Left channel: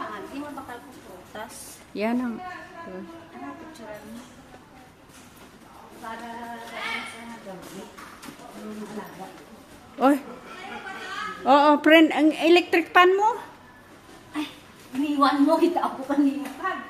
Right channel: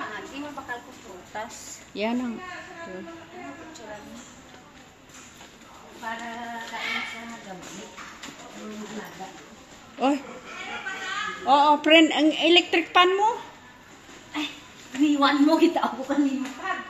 maagi, mabakal ko prutas. Yan ang. Para kain sa gabi. Alaga. Oy. Oo, friend, ang electric pan mo. Ay, aniwan mo, kita ako kanina pa.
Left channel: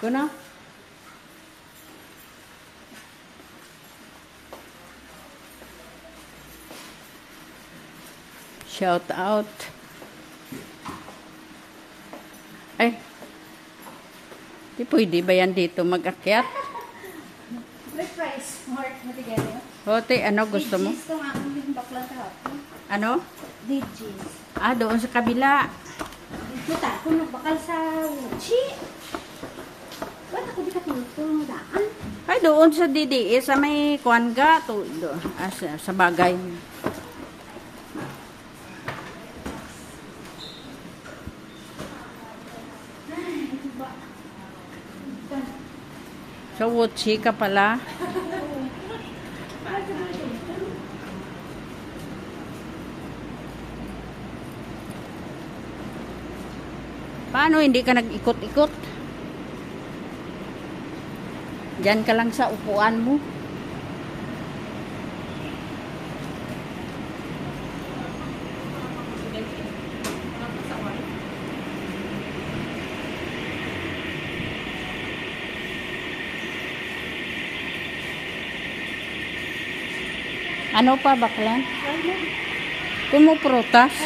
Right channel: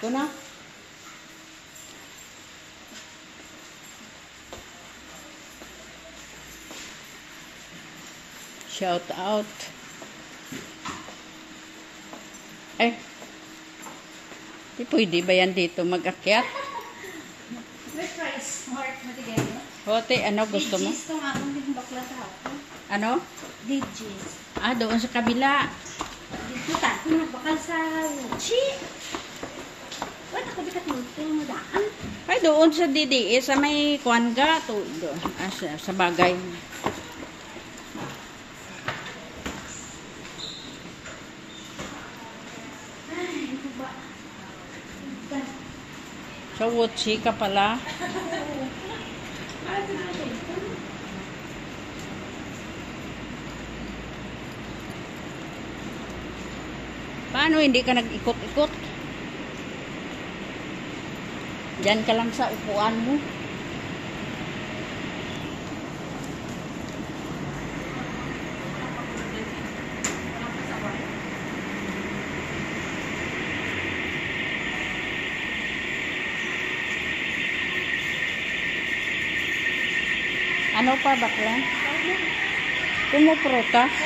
Kuno? Shout out. Ay. Di pwede ba yan dito mag-akyat? May price, heart mo tigyan. Hote, ano gusto mo? Digis ka nga, ang bakla kahapon. Ano? Digis. Ah, doon sa kabila. Dito ta, kung nagbakal sa uchi. Ba't ako di ka tulong daan? Ay, doon sa DDE, sa may kuwanga, sa bagay. Sa Wuchi ka pala. Paano hindi ka nag-ikot-ikot? Diyan ka lang sa upuan mo. Ano pa baklan? Prutas?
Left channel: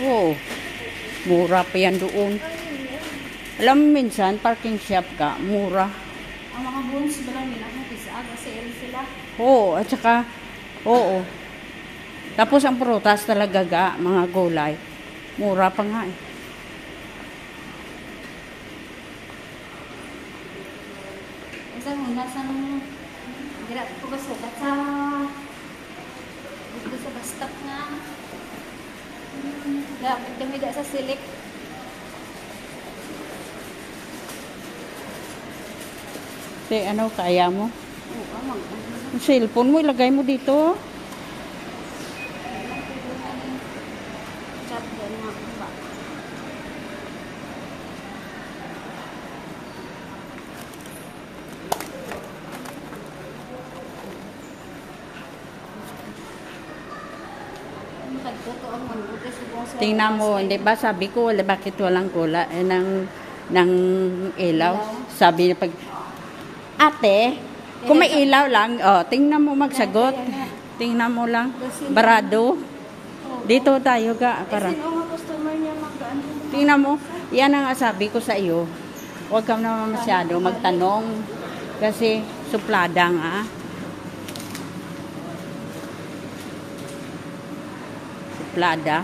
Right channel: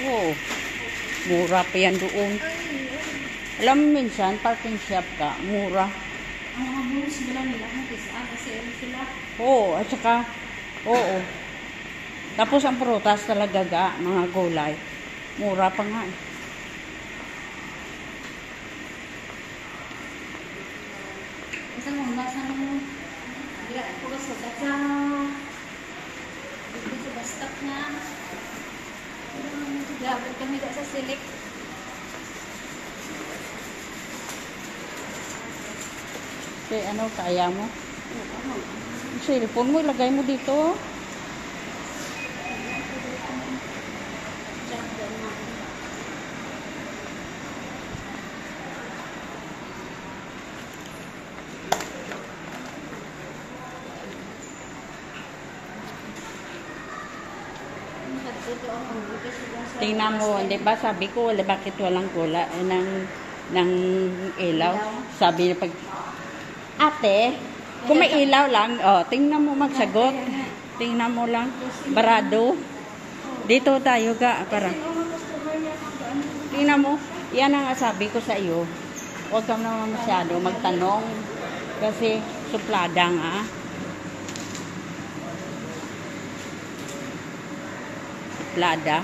Oo. Mura pa yan doon. Alam mo minsan, parking shop ka, mura. Ang mga bonus ba lang nila? Kasi sila. Oo, at saka, oo. Tapos ang prutas talaga ga, mga gulay. Mura pa nga. Isang muna sa dira ko ba sa basket nga. Dapat kami sa silik. Ano, kaya mo? Yung cellphone mo, ilagay mo dito. Tingnan mo, hindi ba sabi ko, bakit walang gula ng ilaw? Sabi niya pag, ate, kung may ilaw lang, oh, tingnan mo magsagot. Tingnan mo lang, barado. Dito tayo ga, para. Tingnan mo, yan ang sabi ko sa iyo. Huwag kang naman masyado magtanong. Kasi suplada nga. Suplada.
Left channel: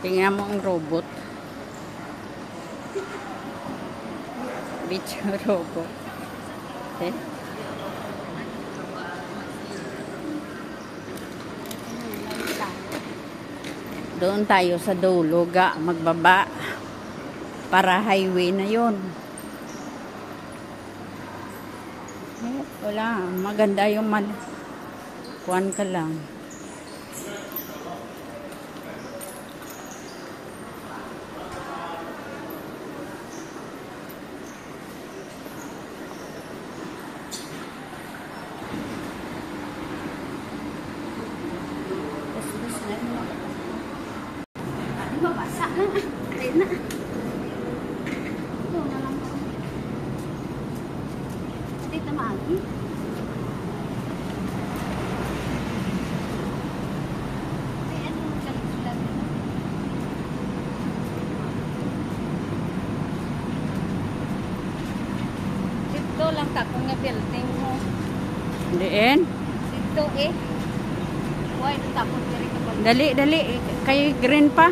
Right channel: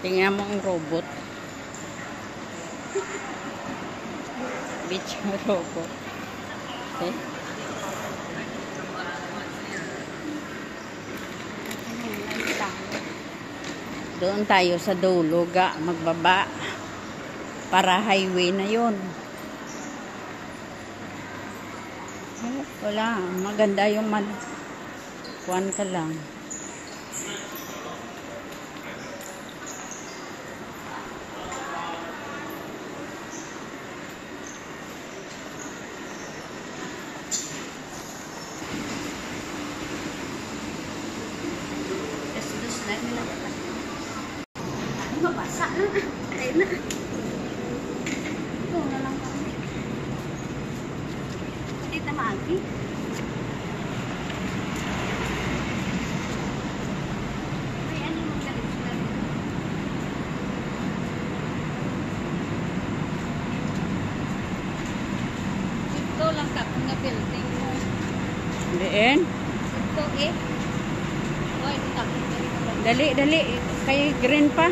Tingnan mo ang robot. Beach robot. Okay. Doon tayo sa dulo ga, magbaba. Para highway na yon. Eh, wala. Maganda yung kuwan ka lang. Das na nila. Mabasa na. Ayun na. Ito na lang. Hindi na maagi. May ano nila. Ito lang tapong na building mo. Diin. Ito eh. Why tapong na Dali, dali. Kay green pa.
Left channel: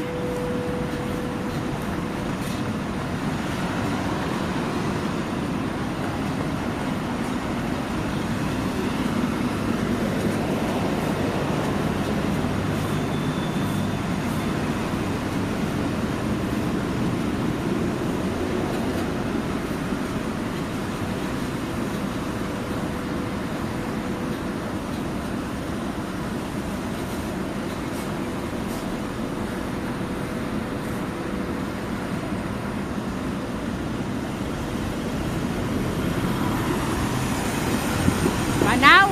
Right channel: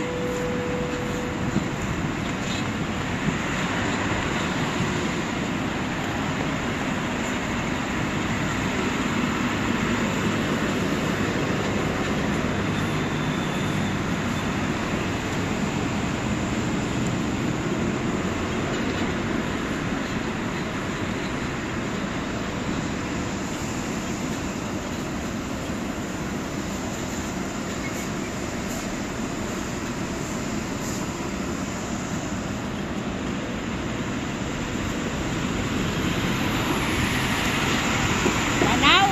Manaw.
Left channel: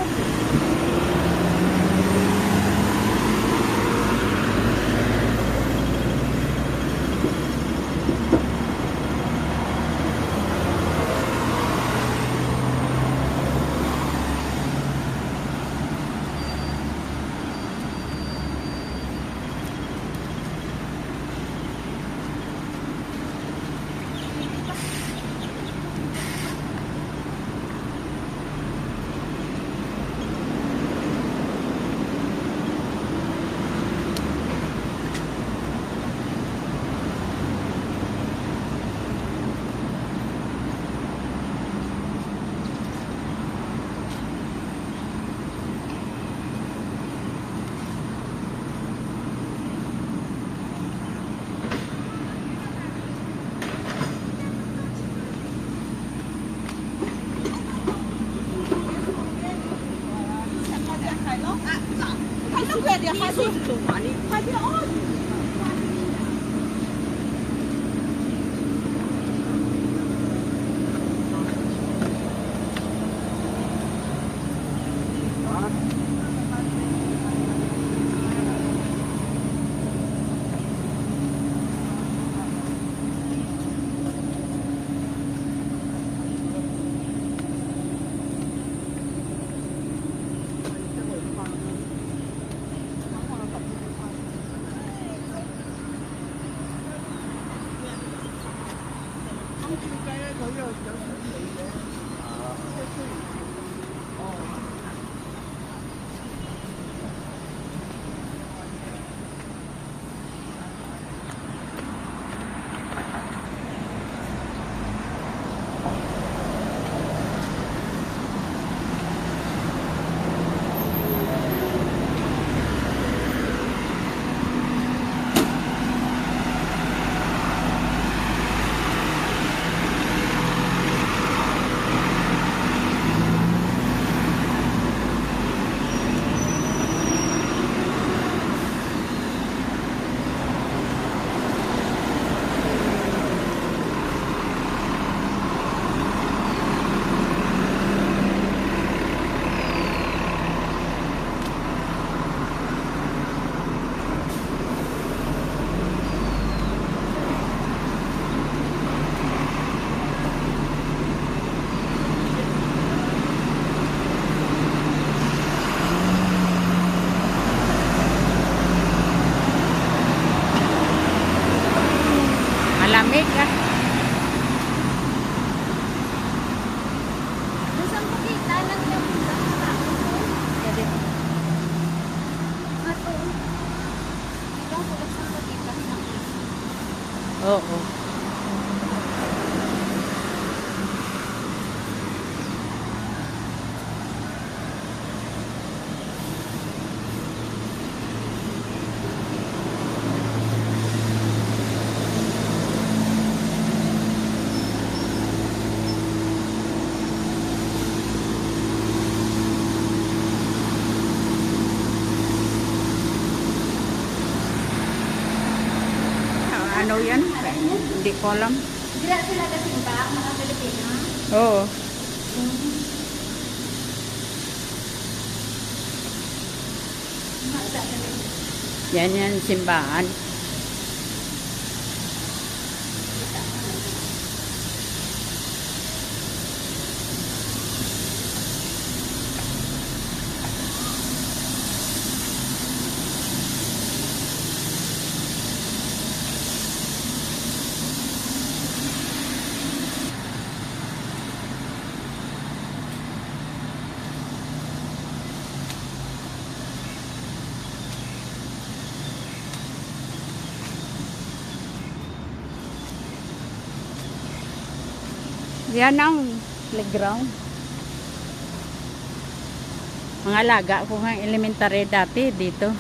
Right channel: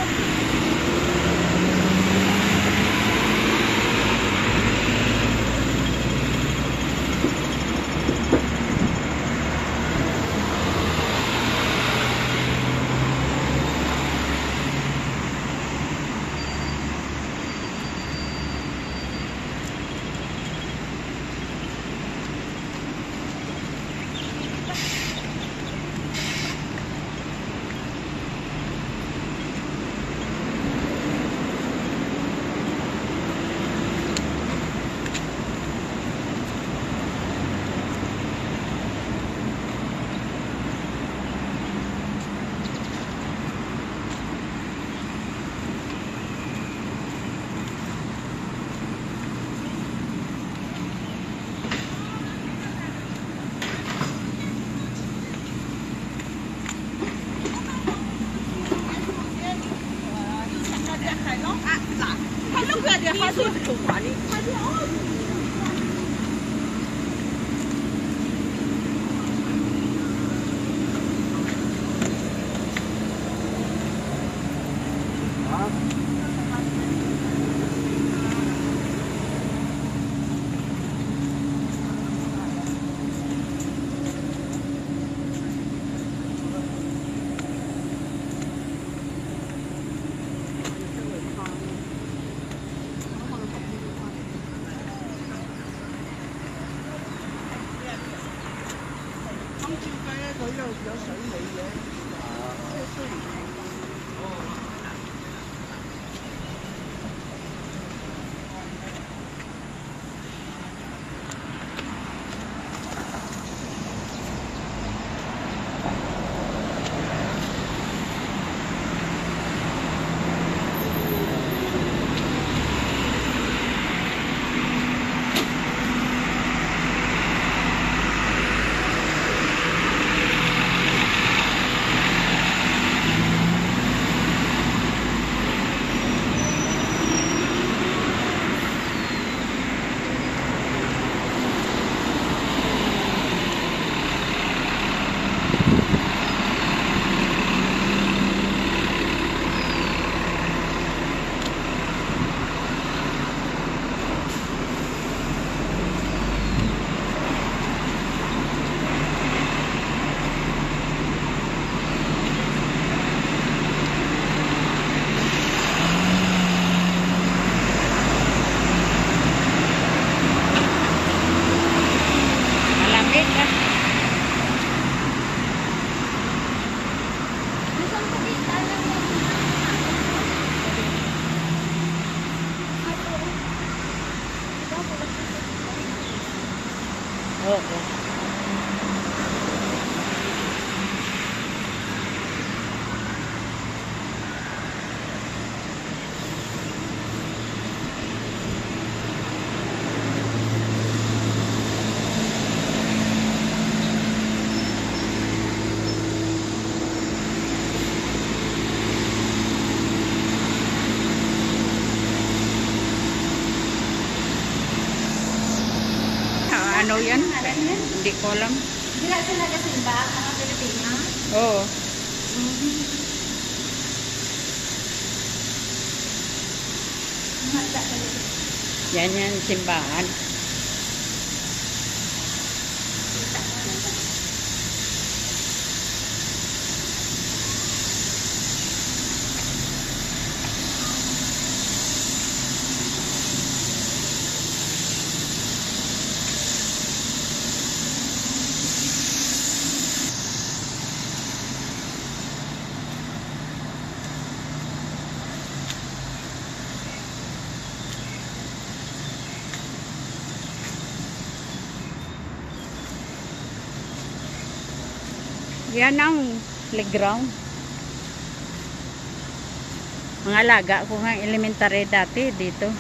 Malamig ka. Isang pakita lang yan. Oo. Ano yan? Hindi ko alam. Hindi na sila kasimba, mga Pilipina. Oo. Yan simbahan. Yan ang playground. Mga alaga ko nga elementary dati dito.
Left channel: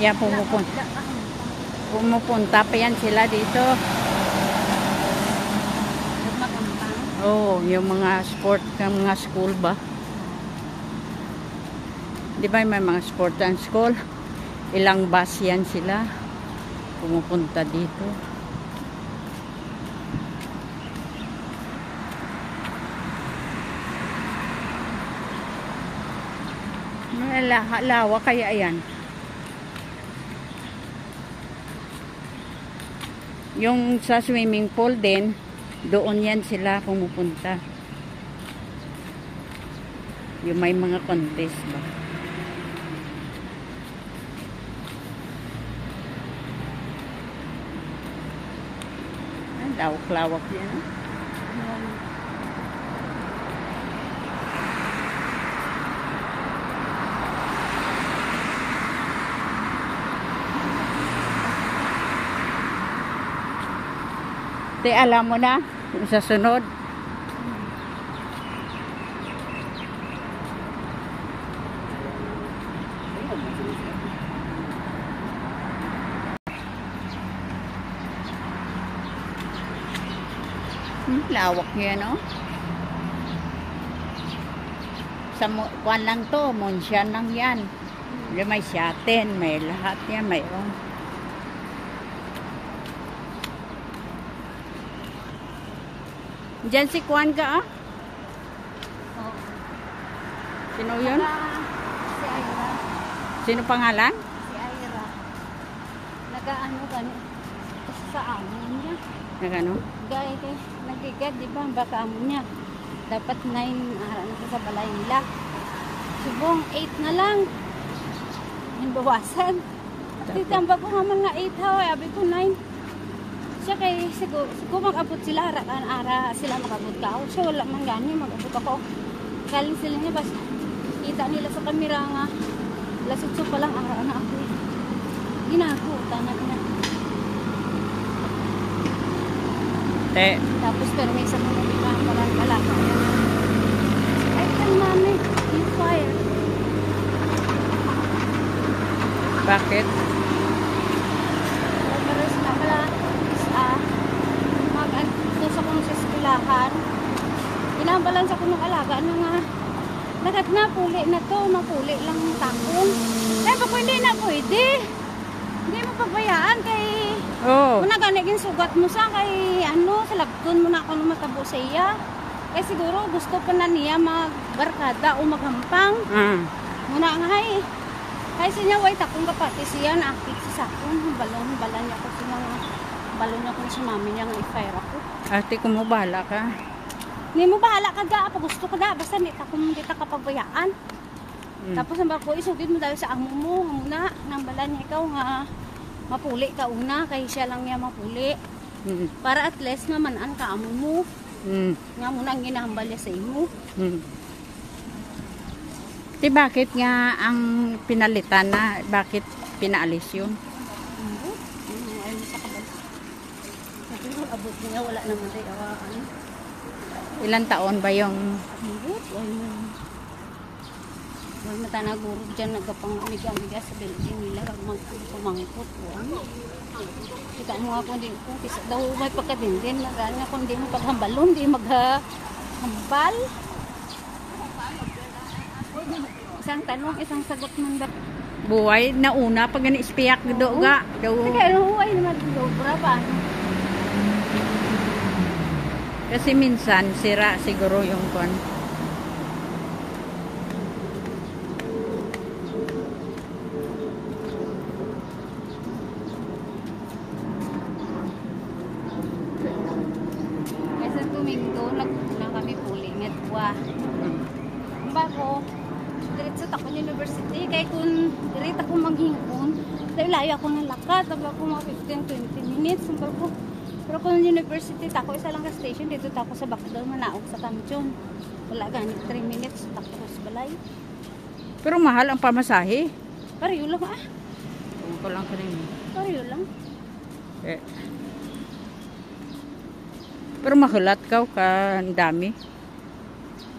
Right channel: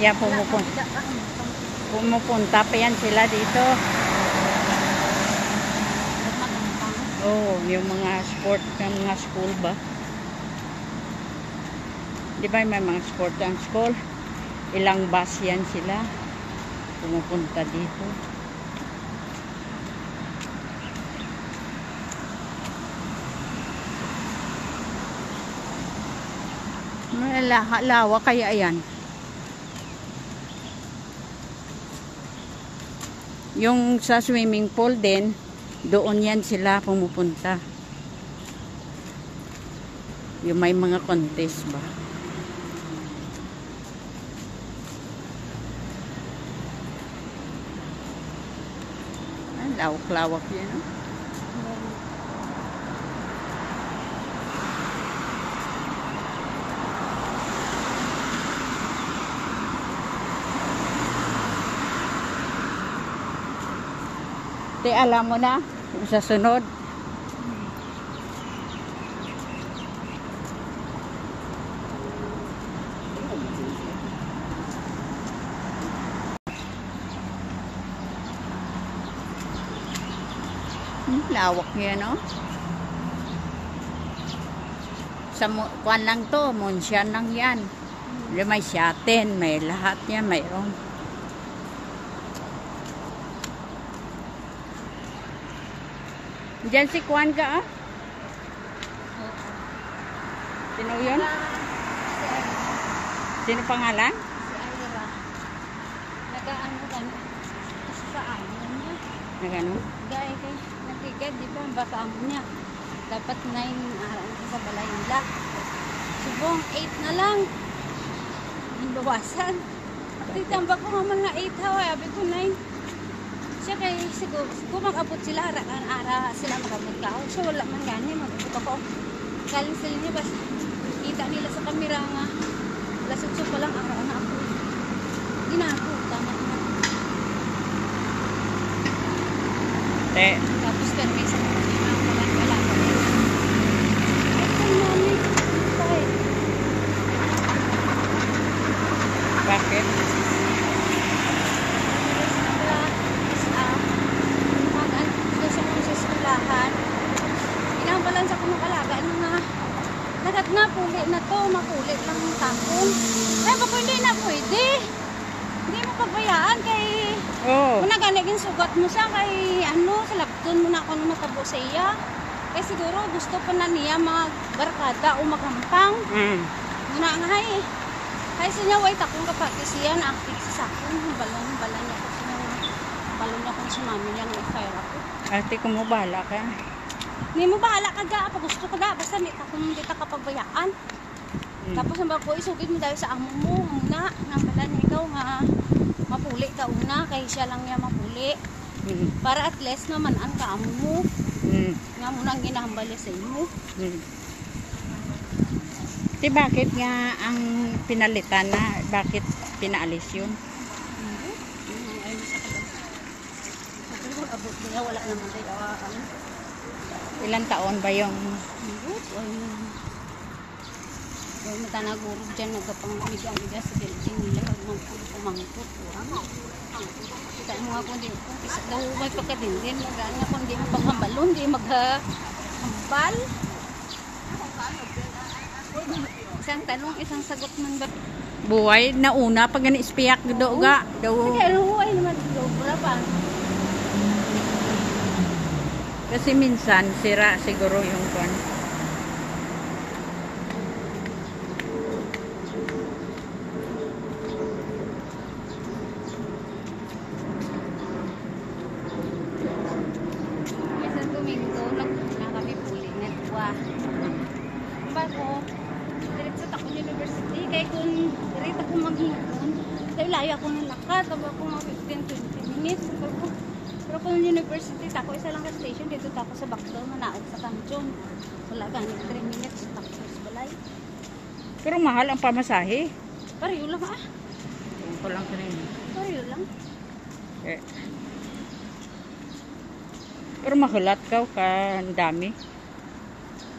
Yan pumupunta pa yan sila dito. Oh, yung mga sport ng mga school ba? Di ba may mga sport ang school? Ilang bus yan sila. Pumupunta dito. Lawa kaya yan. Yung sa swimming pool din, doon yan sila pumupunta. Yung may mga contest ba. Lawak-lawak yan. Te, alam mo na, sa sunod. Lawak yan, no? Sa kuan lang to, Monsyan lang yan. May shaten, may lahat yan, mayroon. Diyan si Kwan ka, ah? Sino yun? Si Ira. Sino pangalan? Si Ira. Nag-ano gano'n. Kasi sa amin niya. Nagano? Dahil kay nagigad, di ba? Baka amo niya. Dapat 9 araw na sa balay nila. Subong 8 na lang. Nandawasan. At itambak ko nga mga 8 hawa. Abi ko 9. Siya kay siguro kung mag-abot sila ara sila mag-abot ka so wala man gani mag-abot ako galing sila niya basta kita nila sa kamera nga lasutso pa lang ara na ako ginako tama na tapos permisa na kita malang ay mami inside bakit? Inabalan sa kunong alaga ano nga lagat na puli na to mapuli lang yung tapon ay bako hindi na pwede hindi mo pagbayaan kay kung naganigin sugat mo sa kay ano silagton mo na kung matabo sa iya kay siguro gusto pa na niya magbarkada o maghampang muna nga kay siya way takong kapati siya na akit sa sakon balon niya ko siya balon niya ko si mami niya ng i-fire ako ate kung mo bahala ka hindi mo bahala ka dyan, pag gusto ka dyan, basta kung hindi ka kapagbayaan. Tapos ang bako, isugid mo dahil sa amo mo, muna, nambala niya ikaw nga, mapuli ka una, kaya siya lang niya mapuli. Para at least naman ang kaamo mo, nga muna ang ginahambal niya sa iyo. Di bakit nga ang pinalitan na, bakit pinaalis yun? Ay, sa abot niya, wala naman tayo. Ilang taon ba yung... Huwag matanaguro dyan, nagkapangigang-igas sa building nila, magpumangkot. Kita mo nga kung di ko, kasi daw may pagkadindin, magana kung di mo paghambalon, di maghambal. Isang tanong, isang sagot ng Buhay na una pag gani ispiyak do ga daw. Sige, ano huwag naman dito. Berapa? Kasi minsan sira siguro yung kon. Sa Domingo, nagpunta kami pulinet ba. Bago, diretso ako ng university. Kaya kung diretso ako maghihipon, dahil layo ako ng lakad. Bago ako mga 15-20 minutes. Bago, pero kung university, tako isa lang ka station. Dito tako sa Bacdol, Manaog sa Kamchon. Wala ganit 3 minutes. Tako sa balay. Pero mahal ang pamasahe. Pariyo lang ah. Ewan ko lang kanina. Pariyo lang. Eh. Pero mahulat ka ang dami.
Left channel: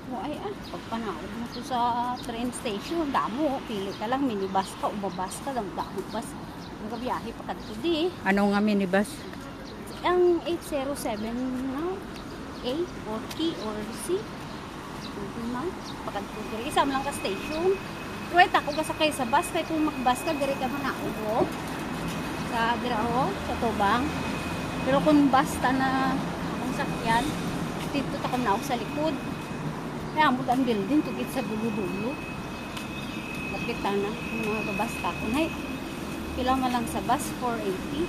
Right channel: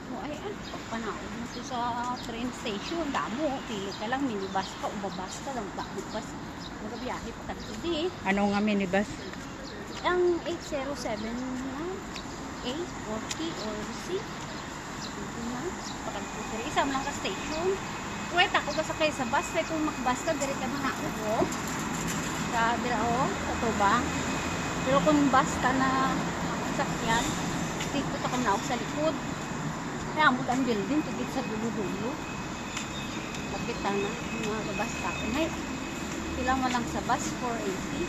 O ay ah, pagpanaod mo ko sa train station. Damo, pili ka lang, minibus ka, ubabas ka, dami bus. Ang gabiyahe pa kadto di. Ano nga minibus? Ang 807 no? A or T or C. Ito na, pagkadto diri. Isa mo lang ka station. Right ako ka sakay sa bus. Kaya kung makbus ka, diri ka man ako bro. Sa Birawo, sa Tubang. Pero kung bus ka na sakyan, dito ka na ako sa likod. Kaya ang butang building, tugit sa dulo-dulo. Bakit na, mga babas ka. Ay, kailang mo lang sa bus, 480.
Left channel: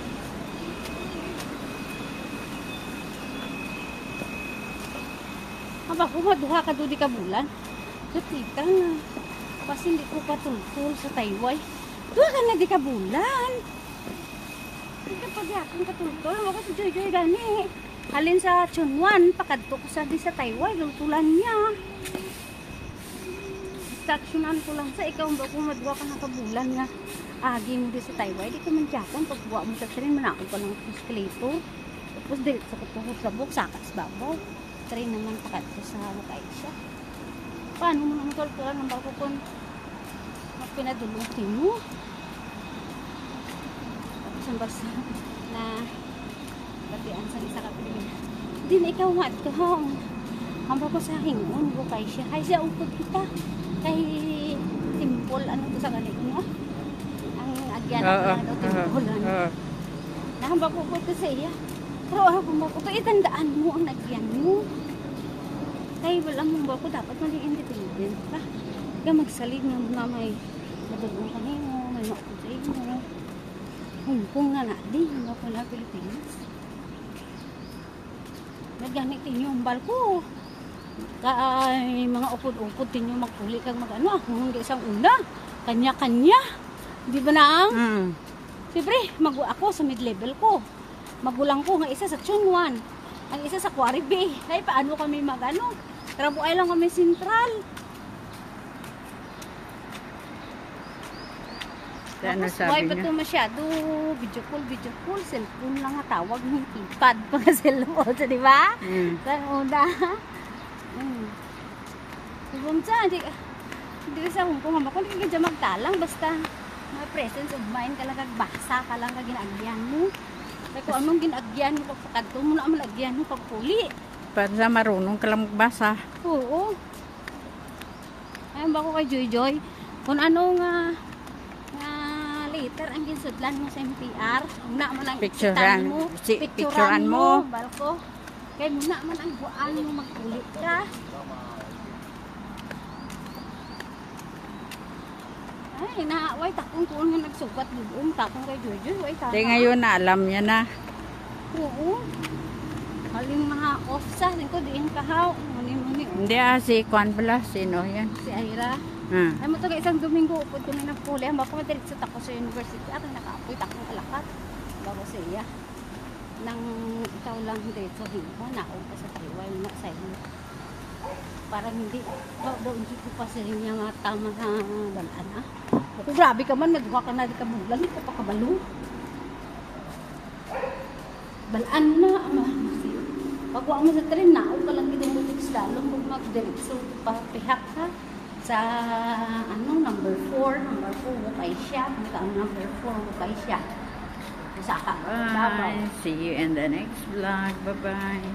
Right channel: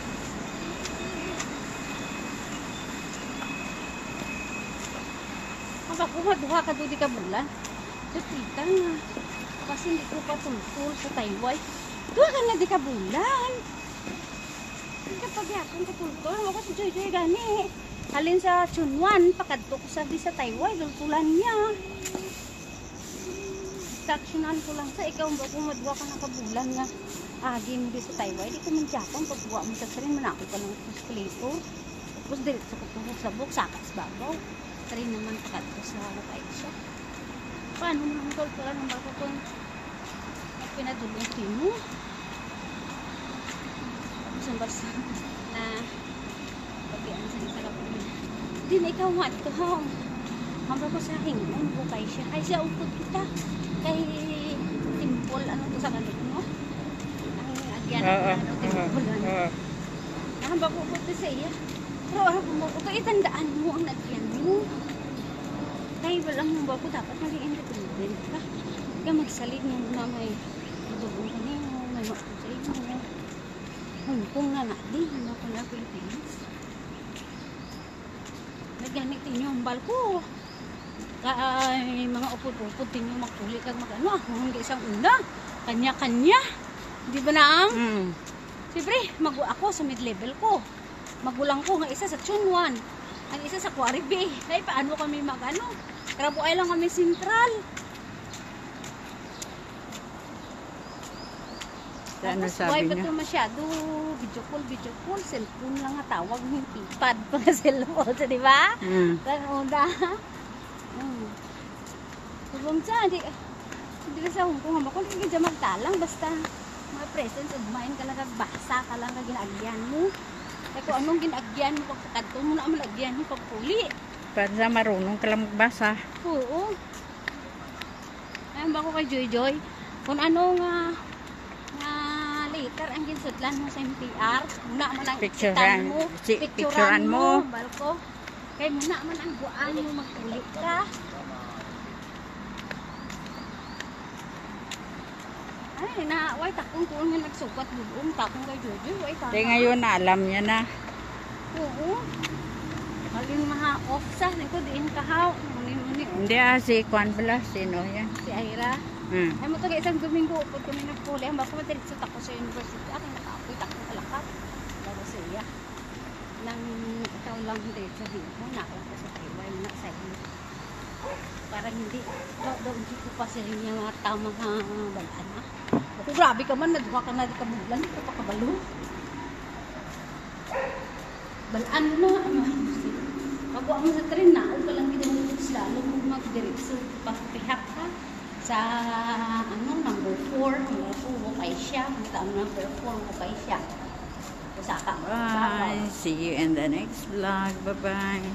Mapapuma, duha ka doon di ka bulan. Kapita nga. Kasi hindi ko patungkol sa Taiwan. Duha ka na di ka bulan. Kapag yakong katungkol, ako si Joy Joy gani. Halin sa Chunwan, pakadto ko sa di sa Taiwan, lulutulan niya. Instructionan ko lang sa ikaw, ba kung madwa ka ng kabulan na agin di sa Taiwan, di ko man diyakon, pagbuwa mo sa train, manakot ka ng escalator. Tapos dirit sa kutuhot sa buk, sakat sa babaw. Train naman pakadto sa Lupay siya. Paano mo naman kalkulan ng bago kung pinadulutin mo? Isang basa na pagbian sa isa kapag din ikaw mat ko hong ang babasahin mo bukay siya ay siya upod kita kay timpol ano ko sa kanit mo ang agyan timpol ang babukot ko sa iya pero ako bumukot ko itandaan mo ang agyan mo ay walang mong bako dapat maging independent ka ka magsalig ng mga may matulong ka niyo may makot sa inyo Hongkong na natin, hanggang pa na Pilipinas. Nagamit niyo ang barko. Kaya mga upod-upod niyo magpuli kag magano. Hindi isang una. Kanya-kanya. Di ba na ang? Siyempre, ako sa mid-level ko. Magulang ko nga isa sa Chunwan. Ang isa sa Quarry Bay. Kaya paano kami magano? Trabuay lang kami sentral. Ano sabi niya? Why ba ito masyado video call, cellphone lang nga tawag ng iPad pa nga cellphone, di ba? Sa una. Kumsa, hindi sa Hong Kong, kung hindi ka magtalang, basta may presence of mind ka lang, basa ka lang na ginagyan mo. Kaya kung anong ginagyan mo, pagkakadto mo na ang lagyan mo pagpuli. Para sa marunong ka lang magbasa. Oo. Ayun ba ko kay Joy Joy? Kung anong later ang ginsudlan mo sa NPR na man ang picturean mo balko kay na man ang buan mo magpuli ka ay na way takong ko nga nagsugat doon takong kay Jojo way ta ngayon na alam niya na oo alin mga off sa nito diin ka haw hindi si Juan pala sino yan si Aira ay mo to isang Domingo upod kami nagpuli ang bako madiretso tako sa university ako nakapoy tako alakat bago sa iya nang ikaw lang diretso mo naon ko sa Taiwan na sa iyo parang hindi doon dito pa sa inyo mga tama na balaan ha kung grabe ka man nagwa ka na ka bulan ka kabalo balaan na pagwa mo sa tren naon ka lang dito sa lalo kung magdiretso pa pihak ha sa number 4 bukay siya number 4 bukay siya bye see you in the next vlog bye bye